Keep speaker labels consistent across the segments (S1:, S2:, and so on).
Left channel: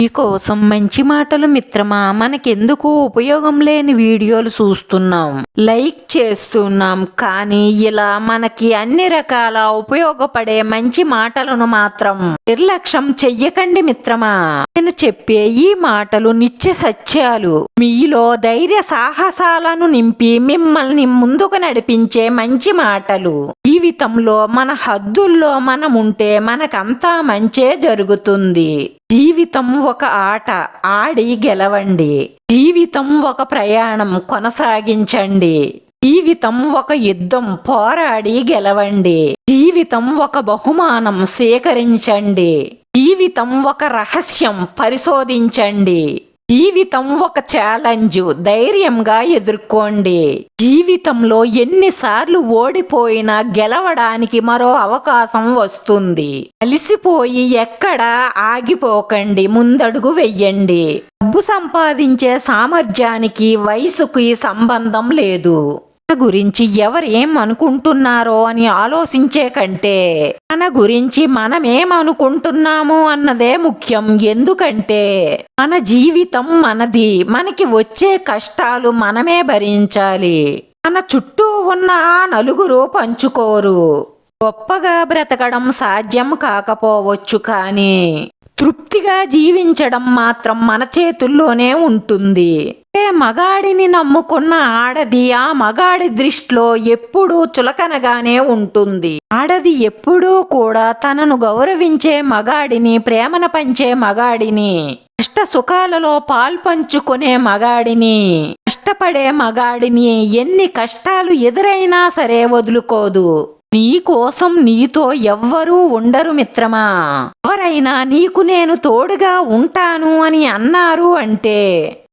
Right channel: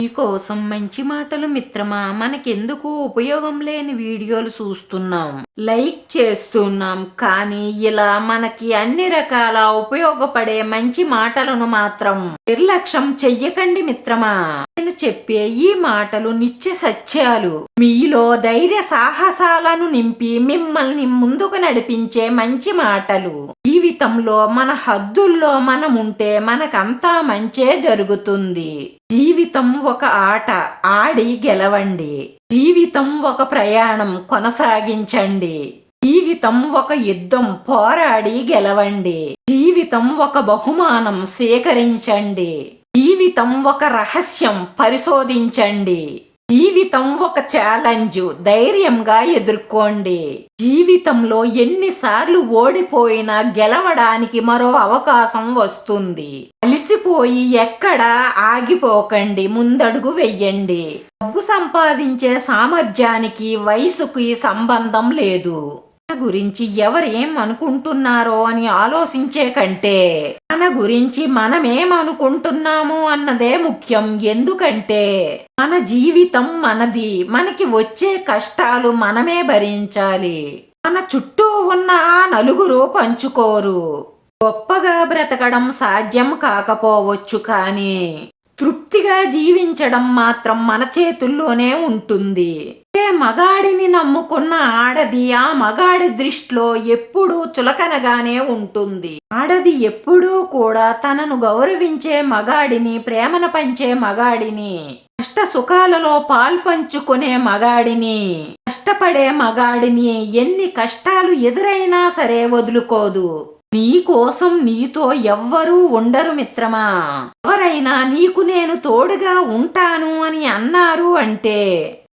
S1: మీకోసం మంచి మాటలు మిత్రమా మనకెందుకు ఉపయోగం లేని వీడియోలు చూస్తున్నాం. లైక్ చేస్తున్నాం కానీ ఇలా మనకి అన్ని రకాల ఉపయోగపడే మంచి మాటలను మాత్రం నిర్లక్ష్యం చెయ్యకండి మిత్రమా. నేను చెప్పే ఈ మాటలు నిత్య సత్యాలు. మీలో ధైర్య సాహసాలను నింపి మిమ్మల్ని ముందుకు నడిపించే మంచి మాటలు. జీవితంలో మన హద్దుల్లో మనం ఉంటే మనకంతా మంచే జరుగుతుంది. జీవితం ఒక ఆట. ఆడి గెలవండి. జీవితం ఒక ప్రయాణం కొనసాగించండి. జీవితం ఒక యుద్ధం పోరాడి గెలవండి. జీవితం ఒక బహుమానం స్వీకరించండి. జీవితం ఒక రహస్యం పరిశోధించండి. జీవితం ఒక ఛాలెంజ్. ధైర్యంగా ఎదుర్కోండి. జీవితంలో ఎన్నిసార్లు ఓడిపోయినా గెలవడానికి మరో అవకాశం వస్తుంది. అలిసిపోయి ఎక్కడా ఆగిపోకండి. ముందడుగు వెయ్యండి డబ్బు సంపాదించే సామర్థ్యానికి వయసుకి సంబంధం లేదు. గురించి ఎవరు ఏం అనుకుంటున్నారో అని ఆలోచించే కంటే మన గురించి మనం అనుకుంటున్నాము అన్నదే ముఖ్యం. ఎందుకంటే మన జీవితం మనది. మనకి వచ్చే కష్టాలు మనమే భరించాలి. మన చుట్టూ ఉన్న నలుగురు పంచుకోరు. గొప్పగా బ్రతకడం సాధ్యం కాకపోవచ్చు కానీ తృప్తిగా జీవించడం మాత్రం మన చేతుల్లోనే ఉంటుంది. మగాడిని నమ్ముకున్న ఆడది ఆ మగాడి దృష్టిలో ఎప్పుడూ చులకనగానే ఉంటుంది. ఆడది ఎప్పుడూ కూడా తనను గౌరవించే మగాడిని ప్రేమన పంచే మగాడిని కష్ట సుఖాలలో పాల్పంచుకునే మగాడిని కష్టపడే మగాడిని ఎన్ని కష్టాలు ఎదురైనా సరే వదులుకోదు. నీ కోసం నీతో ఎవ్వరూ ఉండరు మిత్రమా. ఎవరైనా నీకు నేను తోడుగా ఉంటాను అని అన్నారు అంటే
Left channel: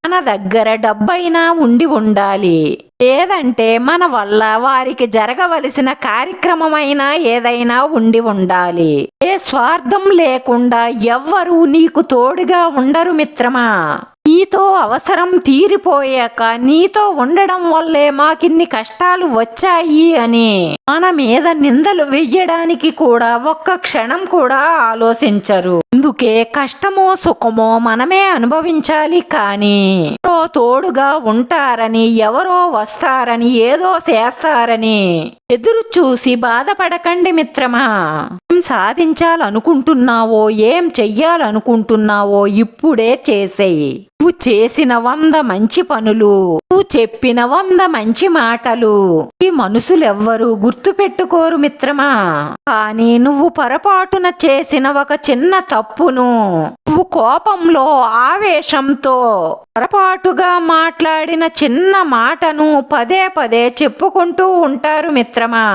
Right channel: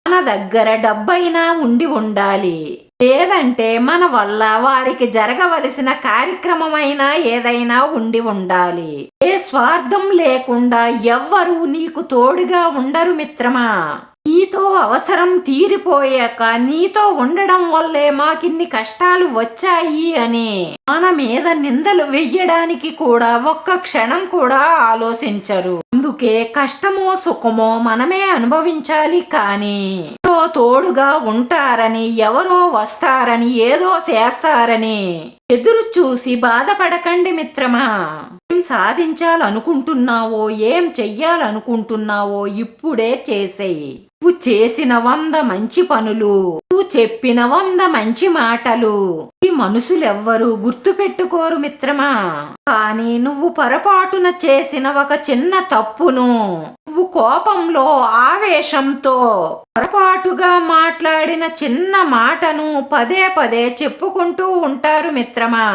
S1: మన దగ్గర డబ్బైనా ఉండి ఉండాలి. లేదంటే మన వల్ల వారికి జరగవలసిన కార్యక్రమమైనా ఏదైనా ఉండి ఉండాలి. ఏ స్వార్థం లేకుండా ఎవ్వరూ నీకు తోడుగా ఉండరు మిత్రమా. నీతో అవసరం తీరిపోయాక నీతో ఉండడం వల్లే మాకిన్ని కష్టాలు వచ్చాయి అని మన మీద నిందలు వెయ్యడానికి కూడా ఒక్క క్షణం కూడా ఆలోచించరు. అందుకే కష్టమో సుఖమో మనమే అనుభవించాలి కానీ ఎవరో తోడుగా ఉంటారని ఎవరో వస్తారని ఏదో చేస్తారని ఎదురు చూసి బాధపడకండి మిత్రమా. ఏం సాధించాలనుకుంటున్నావో ఏం చెయ్యాలనుకుంటున్నావో ఇప్పుడే చేసేయి. నువ్వు చేసిన వంద మంచి పనులు నువ్వు చెప్పిన వంద మంచి మాటలు. ఈ మనుషులెవ్వరూ గుర్తు పెట్టుకోరు మిత్రమా? కానీ నువ్వు పొరపాటున చేసిన ఒక చిన్న తప్పును నువ్వు కోపంలో ఆవేశంతో పొరపాటుగా మాట్లాడిన చిన్న మాటను పదే పదే చెప్పుకుంటూ ఉంటారు మిత్రమా?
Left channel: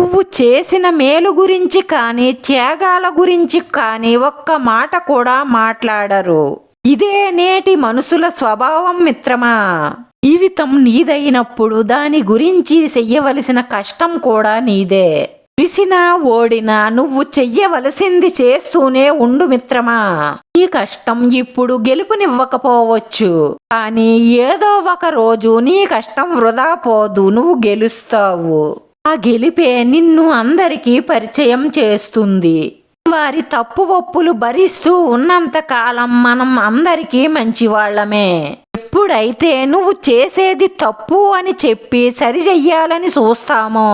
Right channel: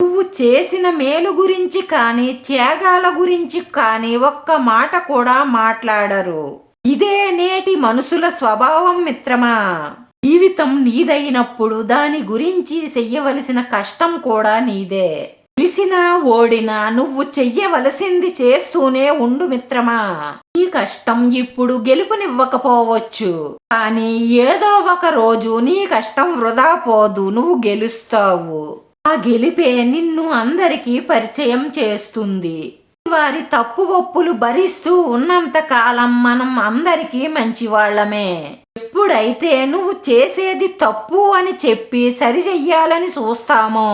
S1: నువ్వు చేసిన మేలు గురించి కానీ త్యాగాల గురించి కానీ ఒక్క మాట కూడా మాట్లాడరు. ఇదే నేటి మనుషుల స్వభావం మిత్రమా? జీవితం నీదైనప్పుడు దాని గురించి చెయ్యవలసిన కష్టం కూడా నీదే. విసినా ఓడినా నువ్వు చెయ్యవలసింది చేస్తూనే ఉండు మిత్రమా? ఈ కష్టం ఇప్పుడు గెలుపునివ్వకపోవచ్చు. కానీ ఏదో ఒక రోజు నీ కష్టం వృధా పోదు నువ్వు గెలుస్తావు. ఆ గెలిపే నిన్ను అందరికీ పరిచయం చేస్తుంది. వారి తప్పు ఒప్పులు భరిస్తూ ఉన్నంత కాలం మనం అందరికీ మంచివాళ్ళమే ఎప్పుడైతే నువ్వు చేసేది తప్పు అని చెప్పి సరిచెయ్యాలని చూస్తామో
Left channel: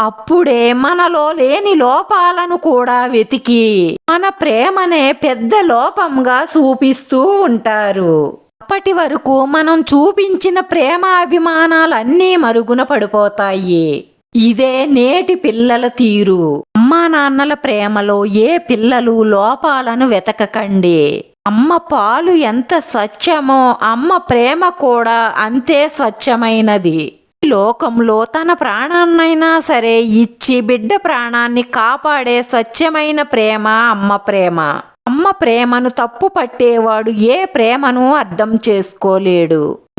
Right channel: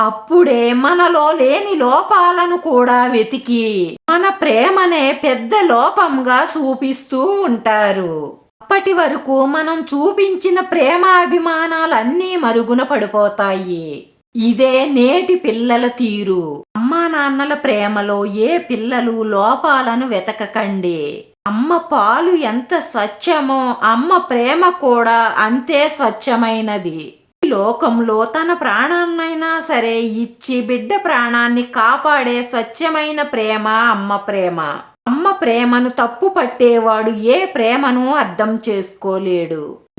S1: అప్పుడే మనలో లేని లోపాలను కూడా వెతికి మన ప్రేమనే పెద్ద లోపంగా చూపిస్తూ ఉంటారు. అప్పటి వరకు మనం చూపించిన ప్రేమాభిమానాలన్నీ మరుగున పడిపోతాయి. ఇదే నేటి పిల్లల తీరు. నాన్నల ప్రేమలో ఏ పిల్లలు లోపాలను వెతకకండి. అమ్మ పాలు ఎంత స్వచ్ఛమో అమ్మ ప్రేమ కూడా అంతే స్వచ్ఛమైనది ఈ లోకంలో తన ప్రాణాన్నైనా సరే ఇచ్చి బిడ్డ ప్రాణాన్ని కాపాడే స్వచ్ఛమైన ప్రేమ అమ్మ ప్రేమ. అమ్మ ప్రేమను తప్పు పట్టేవాడు ఏ ప్రేమను అర్థం చేసుకోలేడు.